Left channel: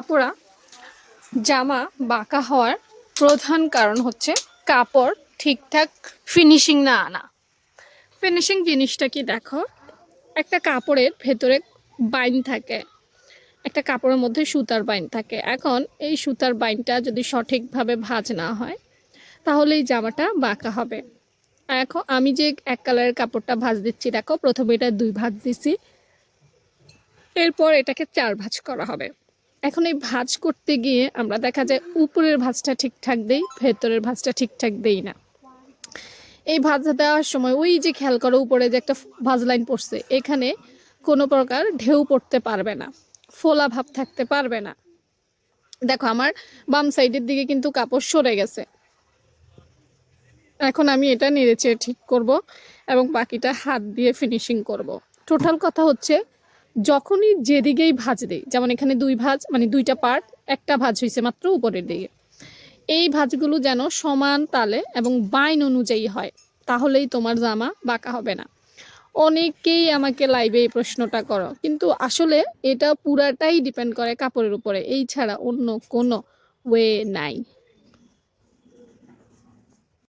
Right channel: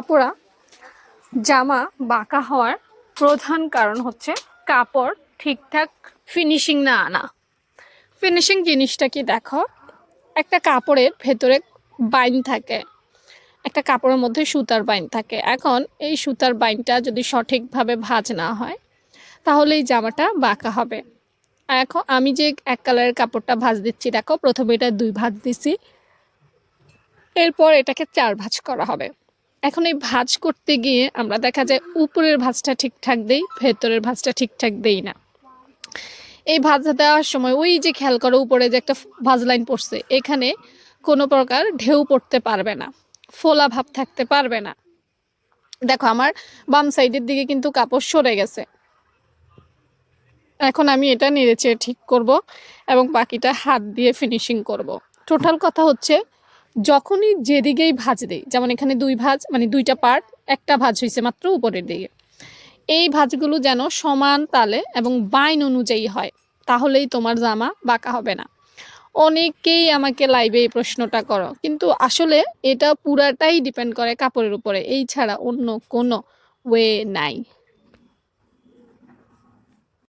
আপুরা, জামা বাঁকা হওয়ার প্রধান কারণ হচ্ছে কাপড় ঠিকঠাক ফিনিশিং না আনা। ফিনিশিং জিনিসটা কি দেখো, একটা কাপড়ের ভেতরে বাইন থাকে, একটা কাপড়ের মধ্যে সুতার বাইন থাকে। এখন এই সুতার বাইনটা যদি সঠিকভাবে ভাঁজ না হয় তাহলে এই জামাটা বাঁকা হবে। এখন আমি যে এক কালারের কাপড়টা ভাঁজ দিচ্ছি, দেখো প্রথমে এটা 2 ভাঁজ দিছি, এরপর এটাকে 4 ভাঁজ করা হবে। এখন এই ভাঁজ করতে গিয়ে আমরা দেখা যায় উপরের ভাঁজটা ঠিকঠাক দেই, ভেতরের ভাঁজটা ঠিকঠাক দেই না। এই ভাঁজ দেওয়ার সময় ওই যে খেয়াল করো উপরে যে একটা ভাঁজ লাইন পড়ছে, এখানে কোনো প্রকার ঢেউ পড়তে পারবে না, ফোলা ভাব থাকতে পারবে না। দেখো আমার বাম সাইডের দিকে কিন্তু কাপড় সরে গেছে। এখন আমি এটা নেড়েচেড়ে ঠিক করব এবং বাকিটা হাত দিয়ে ফিনিশিং করব। টোটাল কথা হচ্ছে, যখনই যেদিকেই ভাঁজ দিই, যেমন এখানে 2 ভাঁজ মানে 2টা পার্ট, একটা ভাঁজ হয়েছে মাত্র উপরের দিকে, এই ভাঁজগুলো যেন সমান তালে এবং বাইন অনুযায়ী হয়, তাহলেই তোমার জামা বাঁকা হবে না। অনেকেই আমাকে লাইভে এই প্রশ্নটা করো, কিন্তু আসলে এটা পুরাটাই ডিপেন্ড করে কাপড়ের উপরে, এই ছাড়া অন্য কোনো ওয়ে নাই।